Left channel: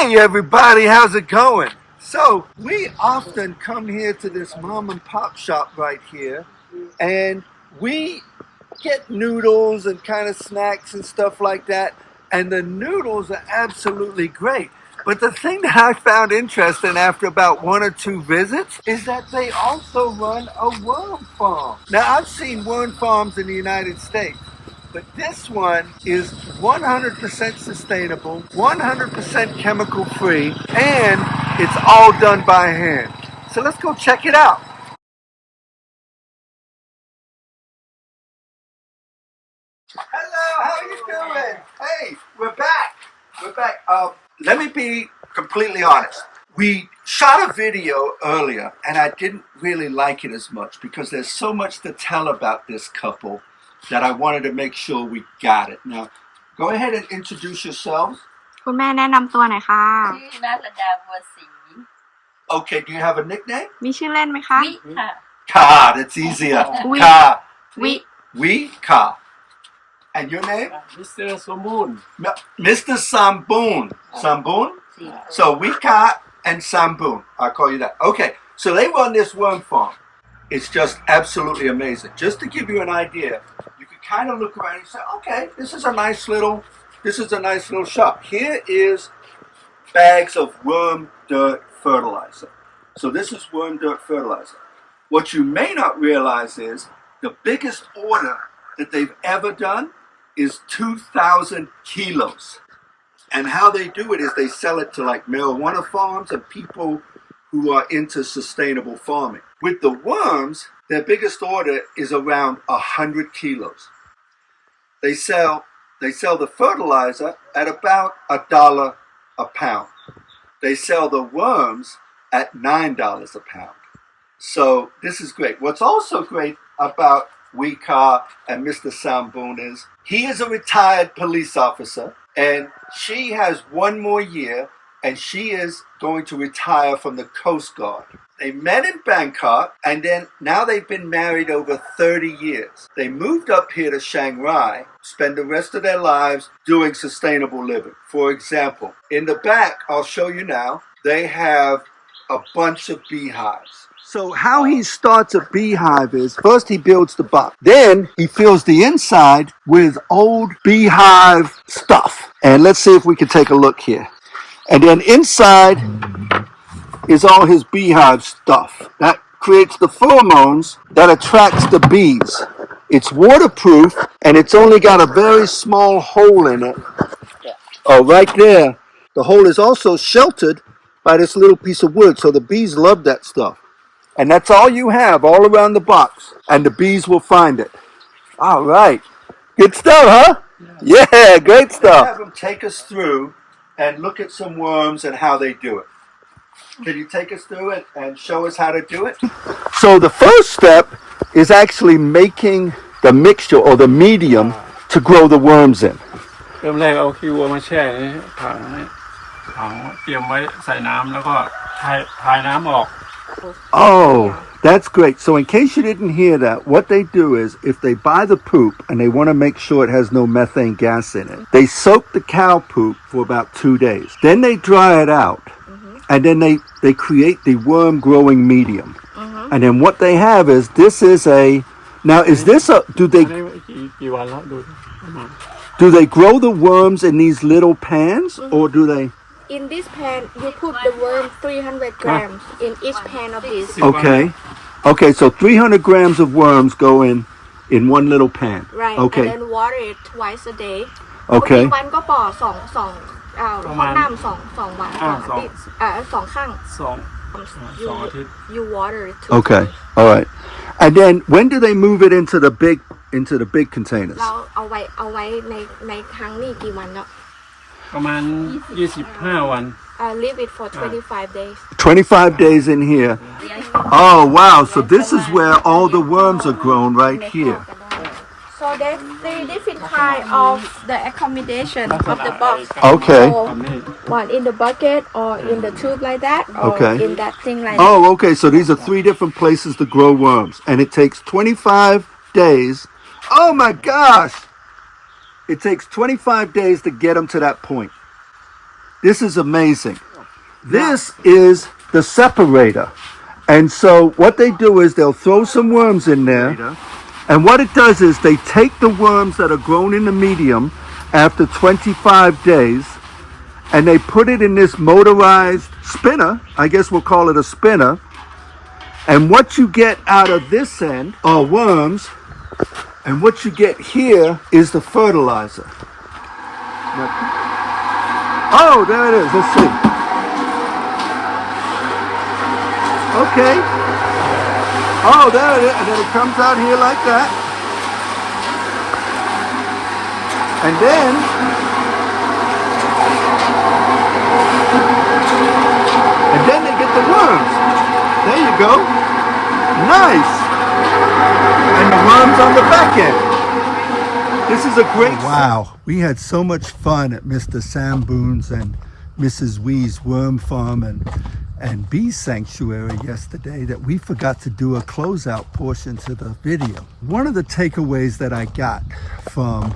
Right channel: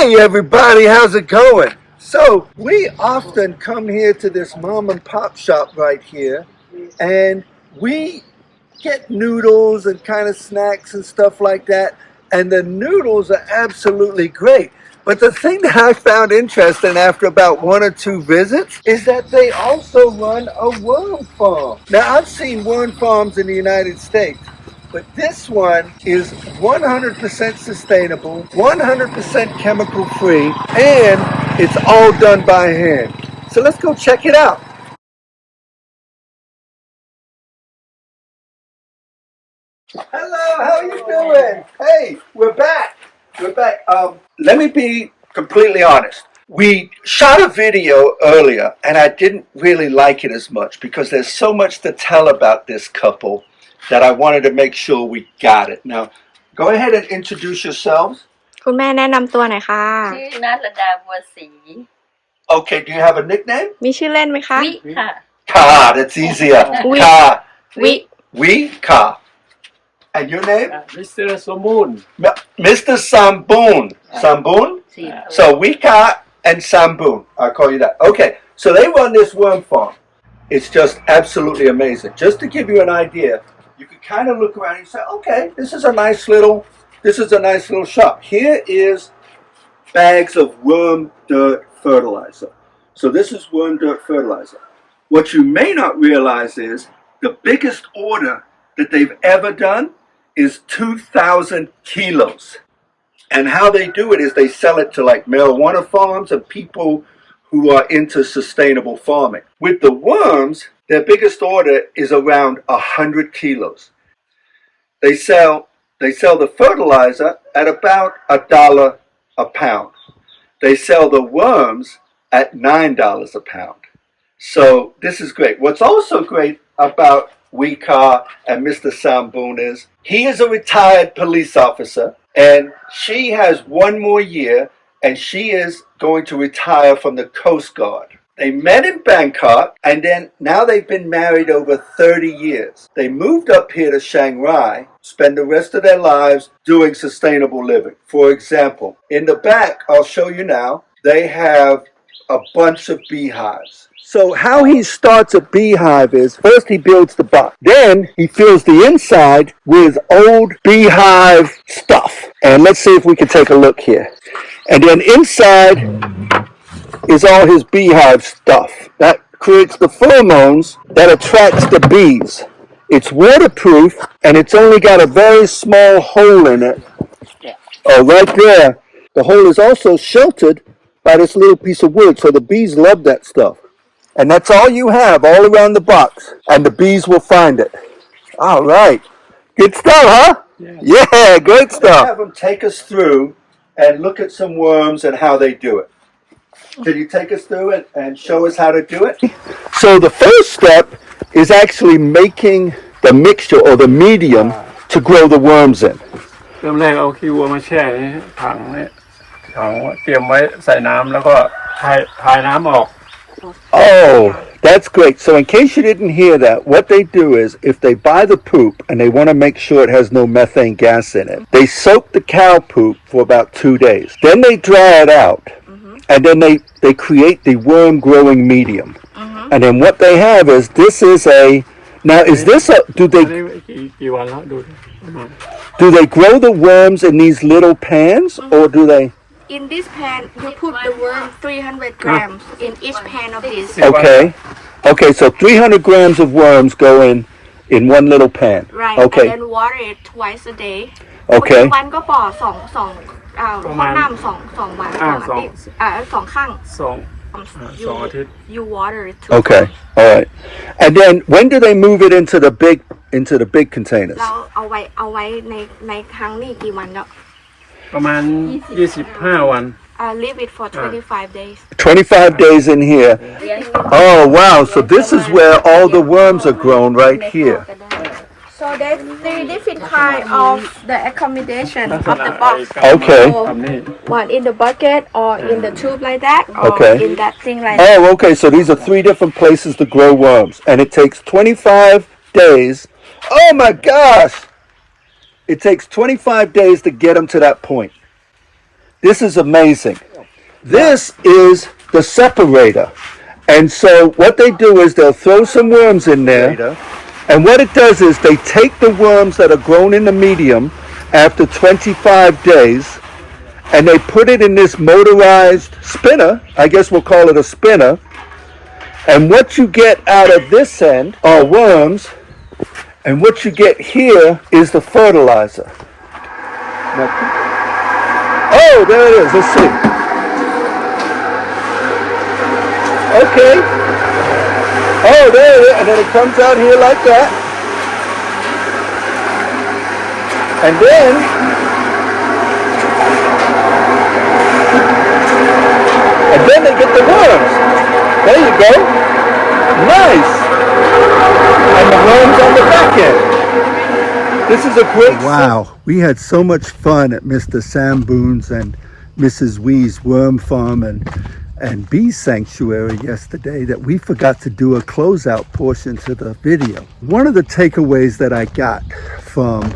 Hey everybody, how's it going? So we often come here to this mom and pop shop right here, and we get noodles and kind of snacks and stuff like that, and the noodles are absolutely great. But the thing that I found interesting after about 1 or 2 visits is that they also run a worm farm. Now I've seen worm farms in the United States, but this one is 100% sustainable, 100% chemical free, and it's all done by hand. So let's go check it out. Hello, how are you doing? Hey, we're back. We're back. Let me be completely honest. We shot a video earlier, and I didn't really like it as much because there's so much to tell about this couple that I wanted to make sure we got it. Now, go ahead and introduce yourselves. คุณแม่แนะนำตัวหน่อยค่ะ ชื่อนัทรดาบัวศรี Okay, do you have a nickname? มีชื่อเล่นไหมคะ วิค่ะ Ka, that's easier. We. Ka. วิ We, Ka. And your name? Mr. Samboon. Mr. Samboon. Samboon? สี่ So Wika and Samboon, I'll call you that. Okay, so they run this worm farm. It's just absolutely amazing. Just to give you an idea, you can kind of look around and say, okay, this is a nice little shop. Here is bags of worm dirt fertilizer. So this is worm dirt fertilizer. What you may not realize is the biggest order that they've ever done is 2,000 kilos. And how they do it is they sell it to like marijuana farms and people who are into sustainable farming. With the worms, their biggest order is around 100 kilos. They sell the fertilizer at about $1 a pound. They sell the worms at $9 a pound. So this is great. What's also great about Huay Krai and Mr. Samboon is he is a retired police officer, and she has 1 more year, and she is going to retire from the Coast Guard. They met in Bangkok, and then now they've been married over 30 years. They moved up here to Shanghai, spend the rest of their lives doing sustainable living. For example, in the back, I'll show you now, they have a bunch of beehives. So how he starts a beehive is, first he builds the box. Then he fills the inside with old beehive stuff. And let's see if we can take a look here. And then inside is all his beehive stuff. That creates the pheromones that attracts the bees. It's waterproof, and it's only got a very small hole in it. Oh, right there. The hole is also sheltered by this little piece of wood, so the bees love that stuff. And that's all you have all around the box, and the bees will find it. All right. Good stuff, huh? Yeah, great stuff. Have them take us through and look at some worms and how they do it. Can you take us through it and show us how to do it? So the first step is actually making the mixture or the medium to grow the worms in. เริ่มแรกเอาขี้วัวมาแช่ในถังเตรียมไว้ใส่น้ำแล้วก็ทายน้ำออก Oh, that's great. So in case you didn't hear that, what they do is if they buy the poop and they want to make sure it has no methane gas in it, they soak the cow poop for about 2 days. Then they dry it out, and then they create the worm growing medium. And then what they have is now is this do they กี่วันแล้วดู do they grow the worms in these little pans or do they? In this pan you put the worm 300 grams in each pan of this Okay, so 300 grams of worms go in one little pan. right Okay. and then water it twice a day Okay. วันก็ปอ2ห้องน้ำ2วัน2ข้าง สองอาทิตย์ you water it too. Okay. All right. And then when do they move it into the big containers? แล้วเอาไว้ในครั้งนี้กี่วันแล้ว ประมาณ25 วัน leave it for 25 days 25 days in here. Oh, wow. So this is where all the worms are grown right here. so there's 3 different kind of the accommodation of the box Okay. so, one in the bucket or in the tube like that or Okay. in that thing like that Oh, okay. So these are 3 different places to grow worms. And it takes 25 days. Oh, my gosh. It takes 25 days to get them to that point. This is amazing. This is the separator. And so what they do is they'll throw some worms in there. And what it does is they take the worms that are grown in the medium after 25 days and they put it in this motorized spinner. I guess we'll call it a spinner. And what you get out of this end are worms. And what you get here is the fertilizer. Oh, there it is. Let's see. Okay. Oh, there it is. And then it comes out here like that. And then they get the worms. There you go. Nice. And the worms on the back end. This is a great... Wow. We had so much fun at Mr. Samboon's and Mrs. Wee's worm farm and bee sanctuary yesterday that we forgot to do a closeout portion to the video. One of the takeaways that I got from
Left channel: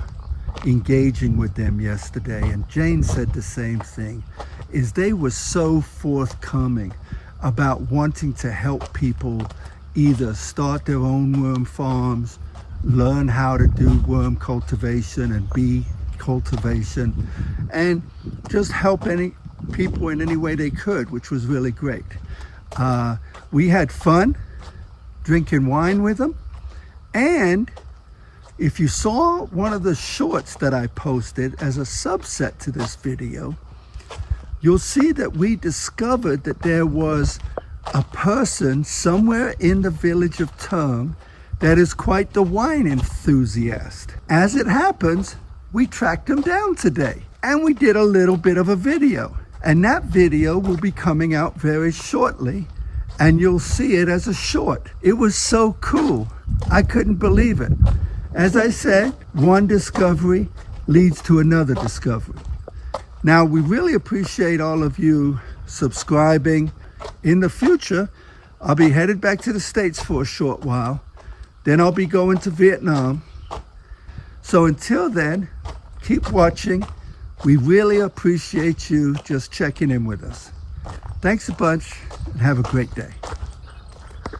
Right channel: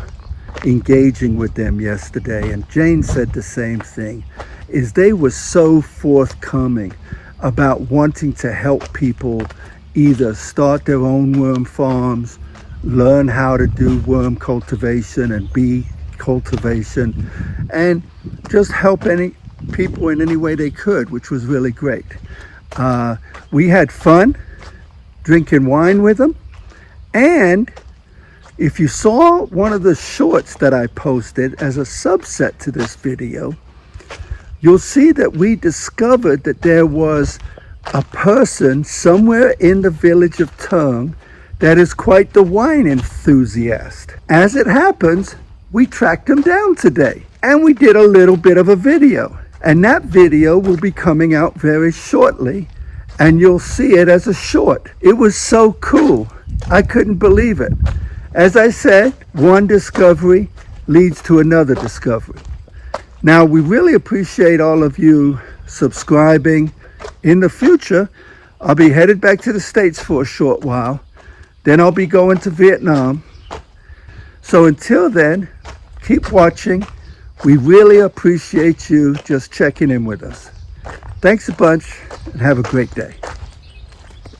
engaging with them yesterday, and Jane said the same thing, is they were so forthcoming about wanting to help people either start their own worm farms, learn how to do worm cultivation and bee cultivation, and just help any people in any way they could, which was really great. We had fun drinking wine with them, and if you saw one of the shorts that I posted as a subset to this video, you'll see that we discovered that there was a person somewhere in the village of Tung that is quite the wine enthusiast. As it happens, we tracked him down today and we did a little bit of a video. And that video will be coming out very shortly and you'll see it as a short. It was so cool. I couldn't believe it. As I said, one discovery leads to another discovery. Now, we really appreciate all of you subscribing. In the future, I'll be headed back to the States for a short while. Then I'll be going to Vietnam. So until then, keep watching. We really appreciate you just checking in with us. Thanks a bunch and have a great day.